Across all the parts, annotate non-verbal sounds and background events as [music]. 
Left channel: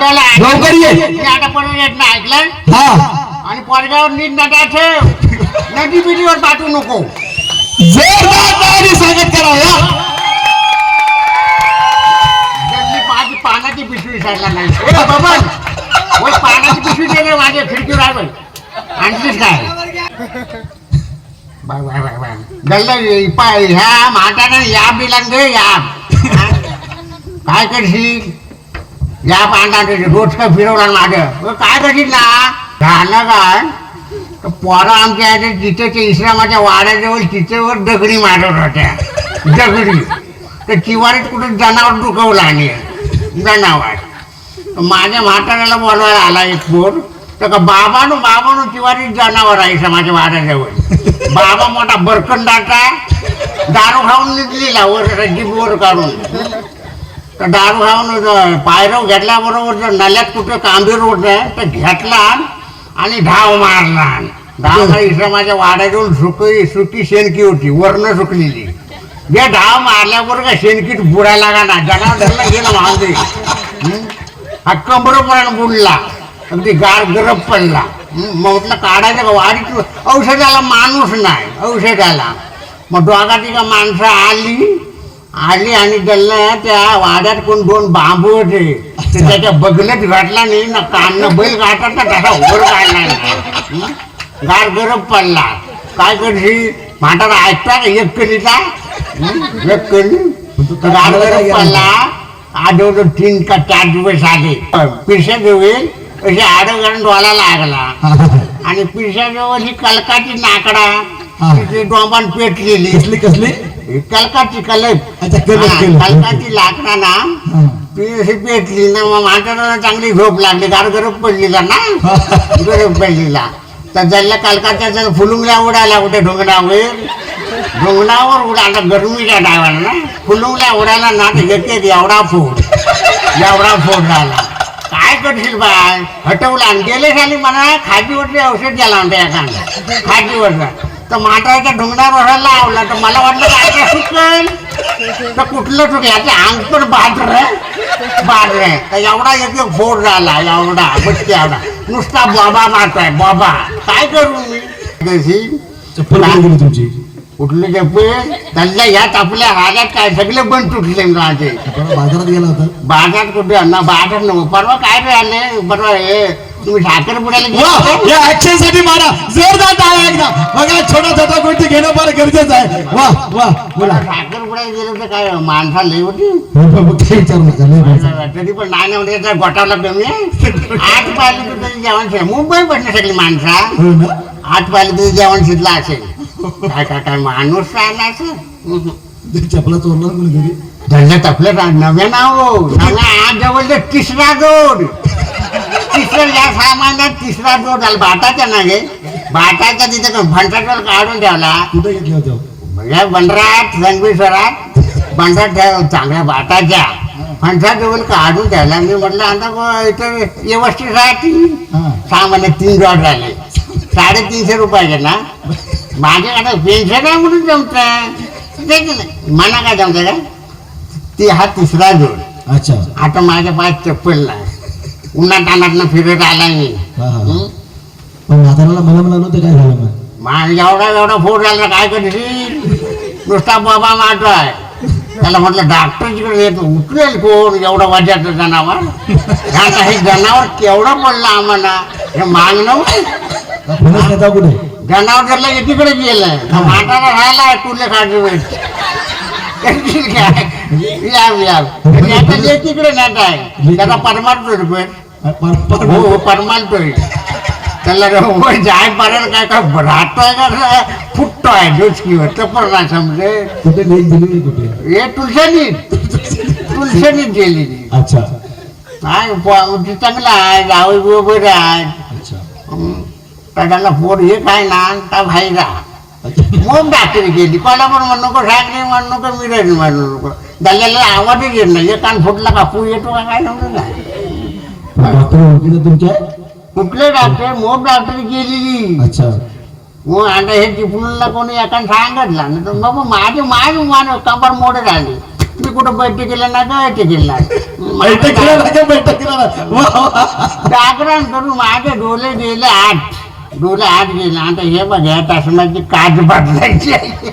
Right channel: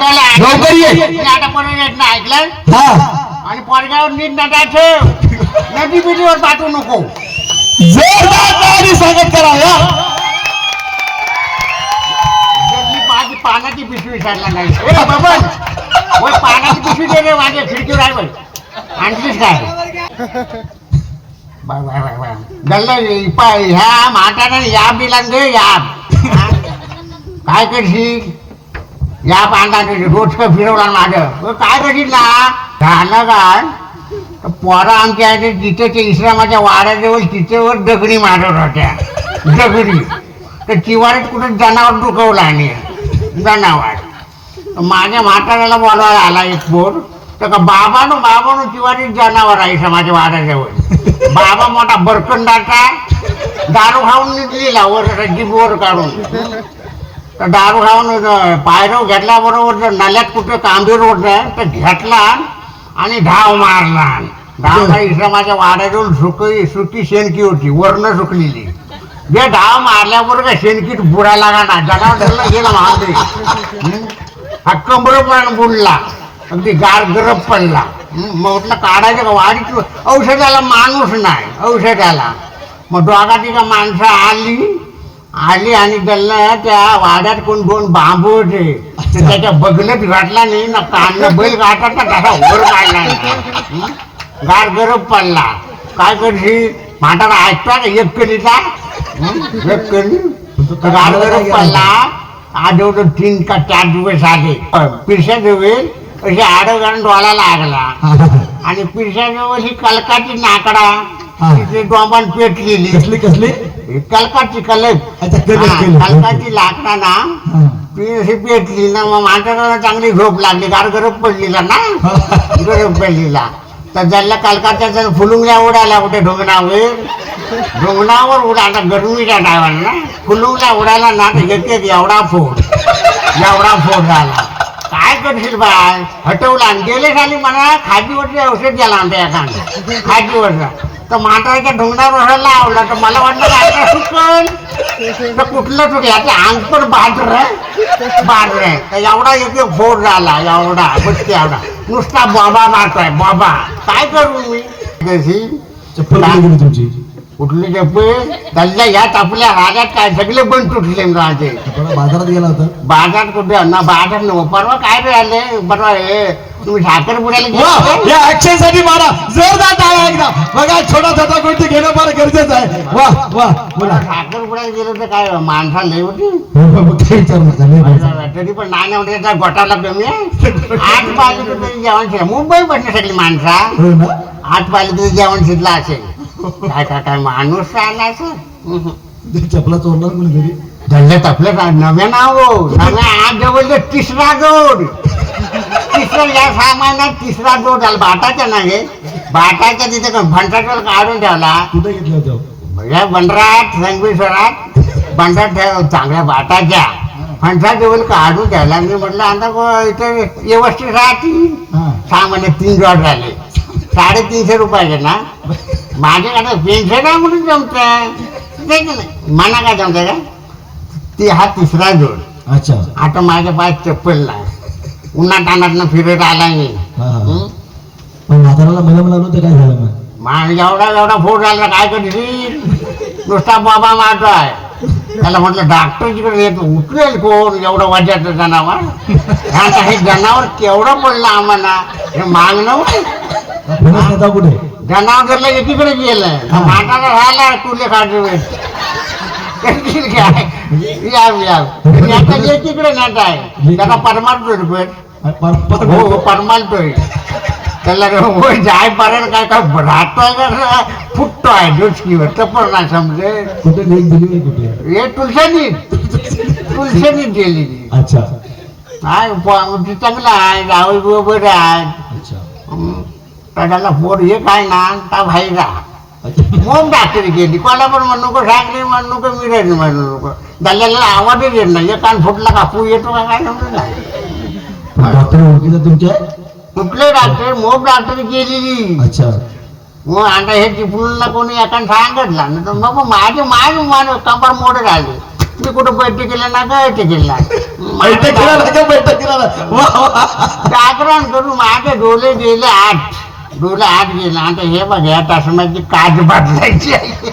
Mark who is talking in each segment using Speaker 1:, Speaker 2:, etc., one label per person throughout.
Speaker 1: लवकर ये.
Speaker 2: मी आता पण येत नाही ऐकलं
Speaker 1: हा.
Speaker 2: आणि पोरगावर नीट नटा ठेव. नदी बिडीवर पाठवू नको.
Speaker 1: जोरदार स्वागत करा या.
Speaker 2: माझी पानाची पिशवी साडला नाही. पानाची पिशवी दे माझ्या खिडकीवर आहे बाई. आणलीस काय? Bye bye bye bye. गल्ल पाय ह्या म्हातारा या बिलांग या. काय करशील? या पांढरा रोज का फिरवला माझं काय करशील ना झालं काय पोरं आमच्या इथे जिथेच्या इस्लामाच्या वाड्याजवळ तिथेवर दगडी मारत होत्या. दगडी. तर तिवारीत कुठं जनावर दुखवला आणि. जनावर. माझ्या म्हाताऱ्याला बोलवायला आला एक पोर. तर का बाबानो बाबानो तिवारीत जनावर आहे समाच्या वाड्याजवळ. बाबा मोठा बरकंडाचा दारू खाऊन निघलेला वर जीप काढून तर दारू खाऊन पायरव घेतल्याबरोबर जर नल्यात कुठं कांबीर होतं तर घेतला आणि धाव मारला धाव मारी माझ्या वाड्याजवळ सुकी सुकी शेणकी होती वर्ण सुकलेली. जे धाव मारल्याबरोबर शेणकीत बुडायला का ना जगाव धरला गेला महादेव. हक्कम बरोबर बुडला अगदी गार गरब पडला. मग म्हटलं काढायचं वाढीत वाडीत औषधाला माणूस नाही औषधाला. मग दोघा तिघा माणसं आली आली आणि त्यांना त्या वाड्यात कोण दोन बांबू होते. ते त्याच्या बगलत घातला नाही ना कान बैल घाटात ना तसा वर काढला नाही. गार गरम पडला. काय करशील म्हातारा ऐकता का एक कलीचा? एक कली तो गार गरम पडला. आठवडं तीन का चार दिवस आले. पिरशा जवळ अशी आडव घालून डोळा लागला. [laughs] आणि पिरशा जवळ ही कलकाची नाकडा. तिथे डोंबान पेटलेली
Speaker 1: कसली कसली?
Speaker 2: कलकाची कलक
Speaker 1: अच्छा केलं
Speaker 2: हा,
Speaker 1: केलं.
Speaker 2: कलकाची लाकडा ना
Speaker 1: हा.
Speaker 2: ती पेटली ना मग चांगली झोप लागली. गार गरम पडलेला ना? गरम पडलेला. तर ज्याला कलकाच्या जण फुलुंगल्या उडाल्या कुठे ढोंगणावर ढोंगणावर उडाला गरमीच्या डावाला ना? फुलुंगल्या उडाला ना तर एक एक एवढा फोड. एवढा फोड झाला. काय करशील बाय हटवला आणि गेले खाली म्हणा खाजीवरचे औषध गेला म्हणते एखादा खाजीवरचा तर म्हाताऱ्याच्या ढोंगणावर वळायला लावला तर मला वाटलं काय काय सुकल तर कुठलं चुक याचे अंग पण बाजर बाजर आहे. तर एवढा येते बोर फोड झाला एवढा बसते एवढा. नुसता बाबा मारताय बाबा. काय करू? मी
Speaker 1: तुमची?
Speaker 2: कुठले चप्पल त्याच्या ह्यात आपल्या रागात काय? सगळे बंद तुटले माझे
Speaker 1: बाजारात गेला होता.
Speaker 2: बाजार कुठे? ना बाजार नव परवा काय रे आले? परवा हे तुम्ही साखर
Speaker 1: या ऍक्शनसाठी मारा जोरदार टाळ्या एकदा. बघा छोटा छोटा गोष्टी घेणं फार गरजेचं आहे. वा वा बोला.
Speaker 2: साखर बुडायला गेलं तर काय? माणसा लई होती?
Speaker 1: मग काही विचारू नका लय बोलता.
Speaker 2: तरी पण नाण्या म्हणजे गोटाला कमी आहे. आठ पाहिजे जेवण मुंबई पण सगळी माणसा.
Speaker 1: हो ना.
Speaker 2: आठ पाहिजे जेवण शिरलं असेल. काय काय काय माणूस राहिला
Speaker 1: चपला घरी.
Speaker 2: धरलं नव्या नाव हो. आज जवळ तिसरा जोड. तिसरा या सामान्यात तिसरा जोड झाला. बाटाच्या ना गे बाटाच्या तिथे फंटाटोल काढून ठेवला.
Speaker 1: कुठे घेतले होते?
Speaker 2: या बंडरात रणबीश्वरात बंडरात ठेव चांगल्या बाटाच्या फणसा जवळ काढून ठेवला. मी म्हटलं आता इथे व्यवस्थित राहतील. सामान्य तीन जॉड झाले साडेतीनशे रुपयाचे ना. माझ्याकडे आहे म्हणून जमत मला काय जमतं का? ती हा तिसरा जोड.
Speaker 1: अच्छा.
Speaker 2: आता माझ्या पाय चप्पल नाही. उन्हात अनात फिरत आला मी?
Speaker 1: पण म्हाताराला मला म्हणलं ते काय झालं मग?
Speaker 2: मा- एवढा एवढा फोड झाला काय करशील नुसता बाबा मारतोय. त्याला म्हटलं डॉक्टर तिकडे येतो उठलेल कोण? एवढं वजाचं जनावर. आता हे जनावर केवढं पडलं आम्हाला. हे मागणं
Speaker 1: कुठे?
Speaker 2: जनावर जरला एकीकडे गेलं. माटाला राहिला तुले काढू करशील काय? या या आणि आता एकीकडे नाट आहे त्याला परमारतोय रुपये. हो हो परमालतोय त्याला हो जाय पारेल काय काय राहतोय का? फुटतोय डोचकीवर तर पण नाही समजे
Speaker 1: कुठे लेख दिली आहे कुठे?
Speaker 2: हे तुलसनीत तुलसनीत गेली
Speaker 1: अच्छा.
Speaker 2: काय चांगला आहे जावई बरोबर आहे. त्याला पोर हे काय ना का
Speaker 1: अच्छा.
Speaker 2: मग डॉक्टर गेली. कोणाला पण म्हणू नको साखरे म्हणू नको मिरज म्हणू नको. दल्ल्याला आवाजच येत नाही. एक कान फुटला का पू येतो का काय
Speaker 1: डॉक्टर ओळखीचं तुमच्या
Speaker 2: कुठले डॉक्टर? मोठ डॉक्टर गेलेली.
Speaker 1: अच्छा.
Speaker 2: मग आता हे चिपळूणला कोणी एका सांगितलं. ना तर बाबा माझे माझे मान कंबर मोठे झाले. मी कुठं बैठकीला ना बैठकीला
Speaker 1: बैठकीला लागे बैठकीला लागे. वा वा.
Speaker 2: जागरण करून माझे डोले गेले आठ डोले आठ गेले आता हे बघ या टासमाची काच बदलायची आहे.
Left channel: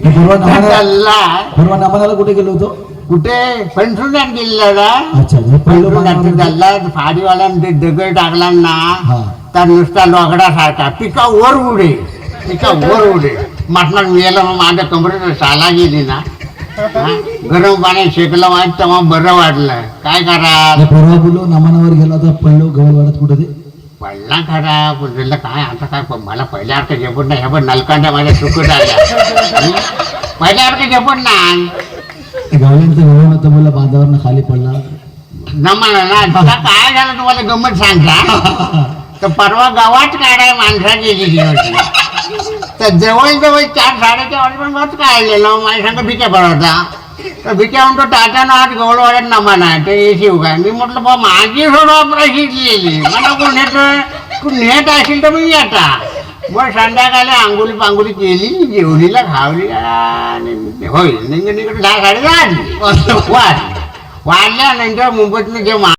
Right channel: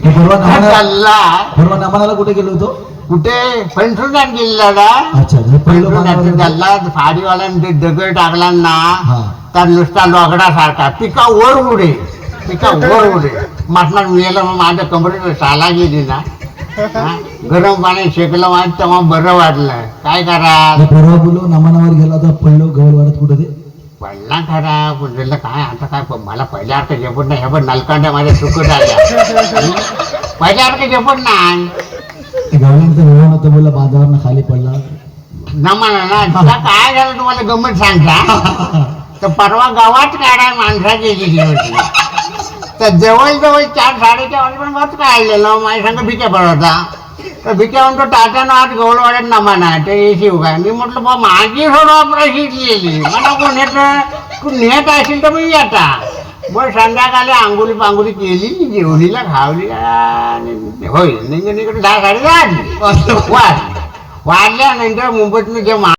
Speaker 1: परवा नामाला
Speaker 2: चालला.
Speaker 1: परवा नामाला कुठे गेलो होतो?
Speaker 2: कुठे? फणसुण्यात गेलेला
Speaker 1: अच्छा हे पहिलं
Speaker 2: चालला फाडीवाल्याने ते दगड टाकला ना
Speaker 1: हा.
Speaker 2: तर नुसता लोगडासारखा पिका वर उडे पिका वर उडे. मेलं मग माझ्या कमरेत साला गेली ना. हा? गरम पाण्यात शेकलं माझं तेव्हा बरं वाटलं. काय करा
Speaker 1: आता परवा बोललो नामानावर गेला होता पडलो गवळवाड्यात कुठे ते?
Speaker 2: पडला खरा. पुढलं काय आता काय मला पहिल्यासारखं झेपत नाही हे पण नलकांड्या माझ्या सुकट आल्या हं? पहिल्यासारखं झेपत नाही.
Speaker 1: होतं बोलला बांधावरनं खाली पडला.
Speaker 2: ना म्हणा ना आता काय झालं तुम्हाला गंमत सांगता? [laughs] तर परवा गावात काढाय माणसा गेलेली होती. तर जवळ जवळ चार साडेचार वाजेपर्यंत काढलेलं माझ्या संग बिच्या होता. तर बिच्या म्हणतो टाटा ना आज गवळवाड्यात नमान आहे ते येशीव काय मी म्हटलं बा माझी सोडवा प्रशिकलेली मला कोण येतं तू नेत असेल तर मी आता मग संध्याकाळी आंघोळी पांघोळी केली जेवणीला खावली आणि होय निघून इकडे दहा साडे दहा वाजली वाजल्यानंतर मुंबईतनं जे मा